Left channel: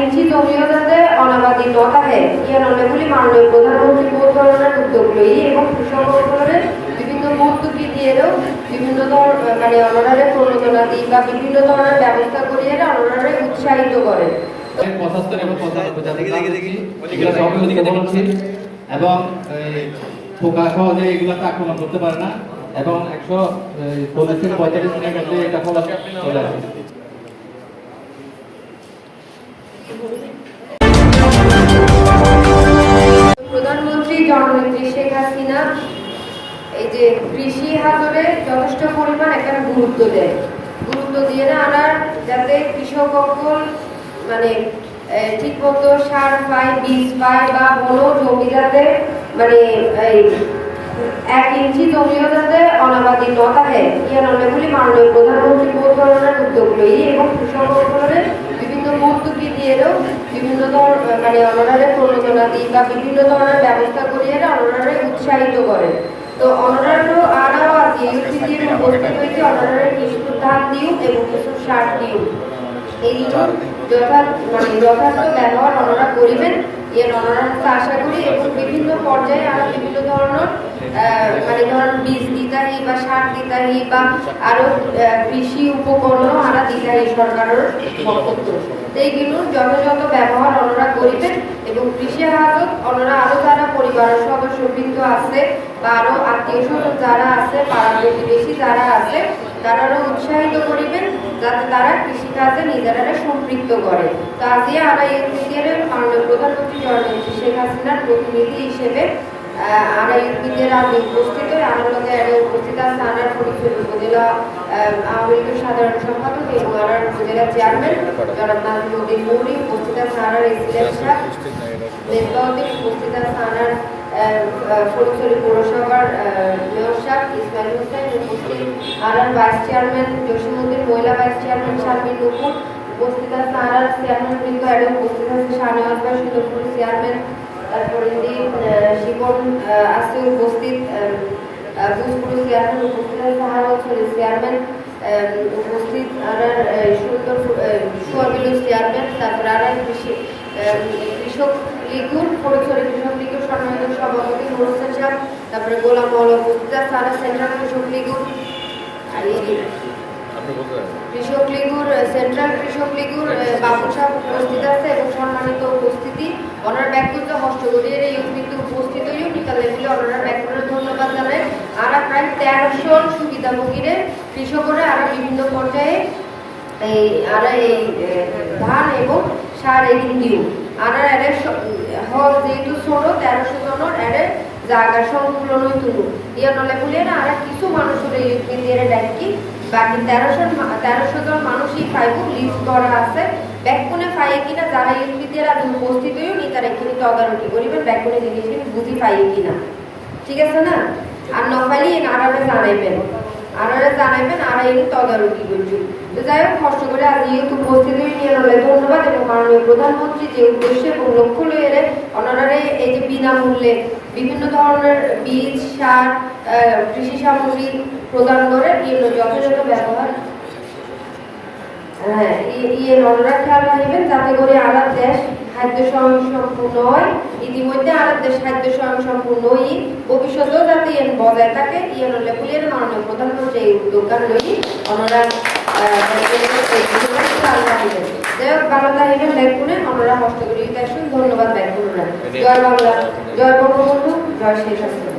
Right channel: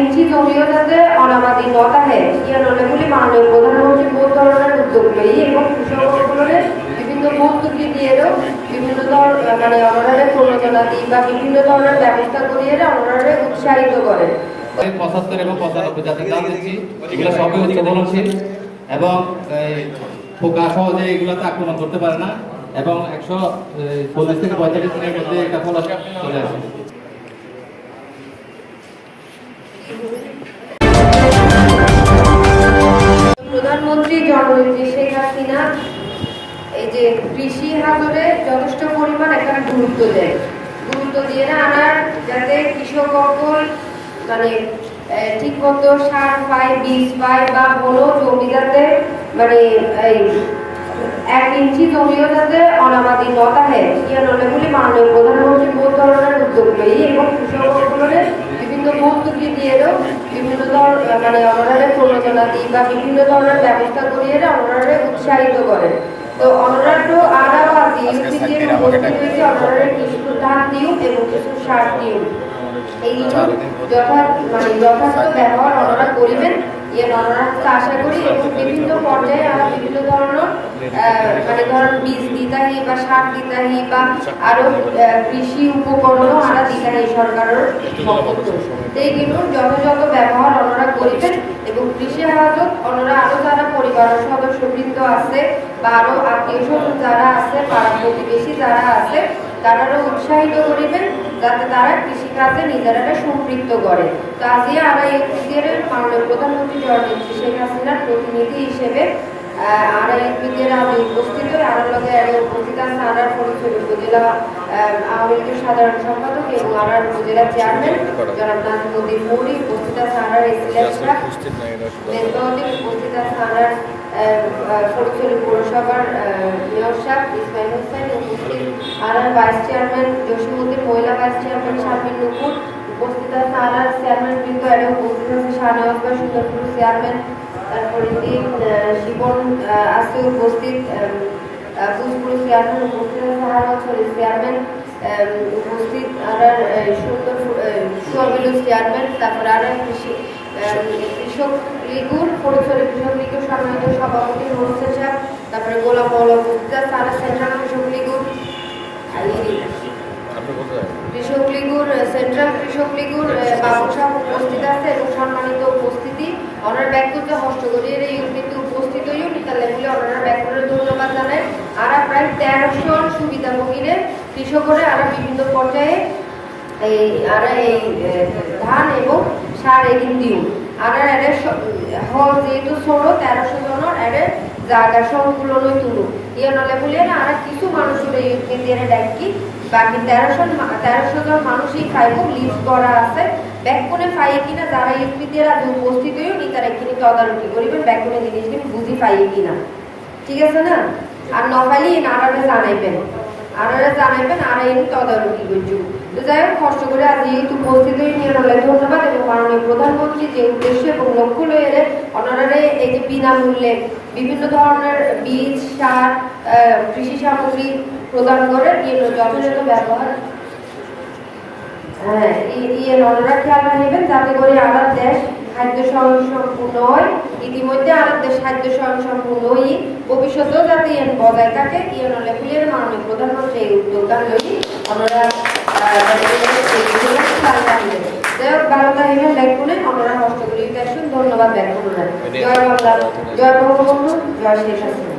ইঞ্চি জমিও যাতে অনাবাদী নতাহে ইয়া নলেগুলি মাননীয় প্রধানমন্ত্রী বহু ধরনের উদ্যোগ লই এবং কৃষকসকলের বিভিন্ন ভর্তুকি দিয়েও বিভিন্ন মানে অনারারে প্রণোদনা দিই বা বিভিন্ন ধরনের ব্যবস্থা করিয়ে অনারারে উৎসাহিত করেন। 75 এবং 95 জাতের এগুলো সবই উৎপাদনশীল এবং পোকা সহজে এগুলোতে আক্রমণ করতে পারে না এবং 140 থেকে 45 দিনের মধ্যে এটা ফল চলে আসে। প্রধানমন্ত্রী জননেত্রী শেখ হাসিনা এই যে কৃষি হাতরে যথেষ্ট পরিমাণ এখানে গুরুত্ব দিয়ে না আর যাতে কৃষক মানে ঠিক মতো সার পায়, বীজ পায় বা কোনো জমি যাতে মানে 1 ইঞ্চি জমিও যাতে অনাবাদী নতাহে ইয়া নলেগুলি মাননীয় প্রধানমন্ত্রী বহু ধরনের উদ্যোগ লই এবং কৃষকসকলের বিভিন্ন ভর্তুকি দিয়েও বিভিন্ন মানে অনারারে প্রণোদনা দিই বা বিভিন্ন ধরনের ব্যবস্থা করিয়ে অনারারে উৎসাহিত করেন। তো অনারারও আরও আছে ইউপিটি এবং উপস্থিত হয়েছে অনারারে কিছু ধান দিও এবং কিছু সার দিও এইগুলো যথার্থ ব্যবহার ওনারা করিবেন ওনারা আশা করি এবং বিভিন্ন পর্যায়ে আরো বিভিন্ন ধরনের মানে ধরেন বীজ দিতাহি বা সার দিতাহি বা আরো কৃষি উপকরণও আরা দিতাহি সরকারের পক্ষ এইগুলোর যথাযথ ব্যবহার ওনারা করিবেন এবং কৃষি হাজত ওনারা আরো যারা পরিবারের সদস্যবৃন্দ আছে বা আরো আত্মীয় স্বজন যারা আছে পাড়া প্রতিবেশী যারা আছে তারাও উৎসাহিত করিবেন যাতে তারা কৃষিকাজে নিজেরা সম্পৃক্ত করে। তো আজিয়া আরা ইউপিডির মাননীয় প্রধানমন্ত্রী জননেত্রী শেখ হাসিনার প্রতিনিধি হিসেবে আরা ইউপিডির আজ উপস্থিত হয়ে আরার লগে উপস্থিত আছে আরার পরিচয় উপজেলা আওয়ামী লীগের সাধারণ সম্পাদক এবং আরার উপজেলা চেয়ারম্যান জনাব নাজিমুদ্দিন মৌরি, উপস্থিত আছে আরার এসিলেট সাহেব মেজবাউদ্দিন, উপস্থিত আছে আরার ফরিদপুর পৌরসভার মেয়র সাহেব ইসমাইল হোসেন, উপস্থিত আরার ভাইস চেয়ারম্যান জসিমউদ্দিন, মহিলা ভাইস চেয়ারম্যান শারমিন নুপুর, উপস্থিত আছে আরার চেয়ারম্যান বৃন্দ এবং উপস্থিত আছে শাহনওয়াজ ভাই সুন্দরপুর চেয়ারম্যান, তারপরে শিবন আছে উপস্থিত ভোজপুর চেয়ারম্যান, উপস্থিত আছে আরো চেয়ারম্যান, উপস্থিত আরার সুন্দরপুর সোয়াবিলু চেয়ারম্যান, তারপরে আরার কৃষক লীগুর ফরিদপুর কৃষক লীগের সম্মানিত সভাপতি মোরসেন সাহেব, তারপরে গোলাম মৌলা উপস্থিত আছে আরা সেন্ট্রাল কৃষক লীগুর সেন্ট্রাল কৃষক লীগুর বাবু সাহেব উপস্থিত আছে এবং সম্মানিত উপস্থিতি ওনার ব্যক্তিগত হস্ত করিয়ে ইউনিতে উপস্থিত হয়েও নিকাল লেভেলে ওনারা ব্যক্তিগত ধন্যবাদ জানায়। আর প্রায় 1300 সুবিধাভোগীদের কৃষকরা আরো বিভিন্ন পর্যায়ে এই ধান এবং সার এগিন দিও আর হল যেহেতু ছোট 1300 জনের এর জায়গা সংকুলন তুলু ইয়ে নলে বলে না আর কিছু মানুষের ইউপিডির ডাকি বাকি 1300 জন মানুষই খাইব লিস্ট করা আছে ব্যাকুনে পাই কিনা যারা ইউপিডির আজ উপস্থিত হয়েও নি তারা কিনে তদারকি করিবেন ব্যাকুনে জিনিস কিন্তু বুঝি পাই কিনা, ঠিক আছে না? আর নপাইলে আরারে জানাইবেন আরা এই তদারকি করছো। তো যাই হোক কষ্ট করে আজ ইউথ উপস্থিত হয়ে নিয়ে ধন্যবাদ এবং মাননীয় প্রধানমন্ত্রী যে উদ্দেশ্য এবং লক্ষ্য লইয়ে ওনারা এই যে বিনামূল্যে বিভিন্ন ধরনের বীজ সার কৃষি সামগ্রী প্রদান করে যথাযথ ব্যবহার ওনারা খেয়াল রাখবেন যাতে করে আলাদ দেশ খাদ্য স্বয়ংসম্পূর্ণ হয়। ইতিমধ্যে আলাদ দেশ খাদ্য স্বয়ংসম্পূর্ণ হই ভবিষ্যতেও যাতে বজায় থাকে লেগুলির মাননীয় প্রধানমন্ত্রী এই উদ্যোগটা লই ওনারা যাই হোক ভালো থাকিবেন ব্যাকুনে ওনারা কষ্ট করি দেখুন ধন্যবাদ ব্যাকুনরা। জয় বাংলা, জয় বঙ্গবন্ধু, জয় শেখ হাসিনা।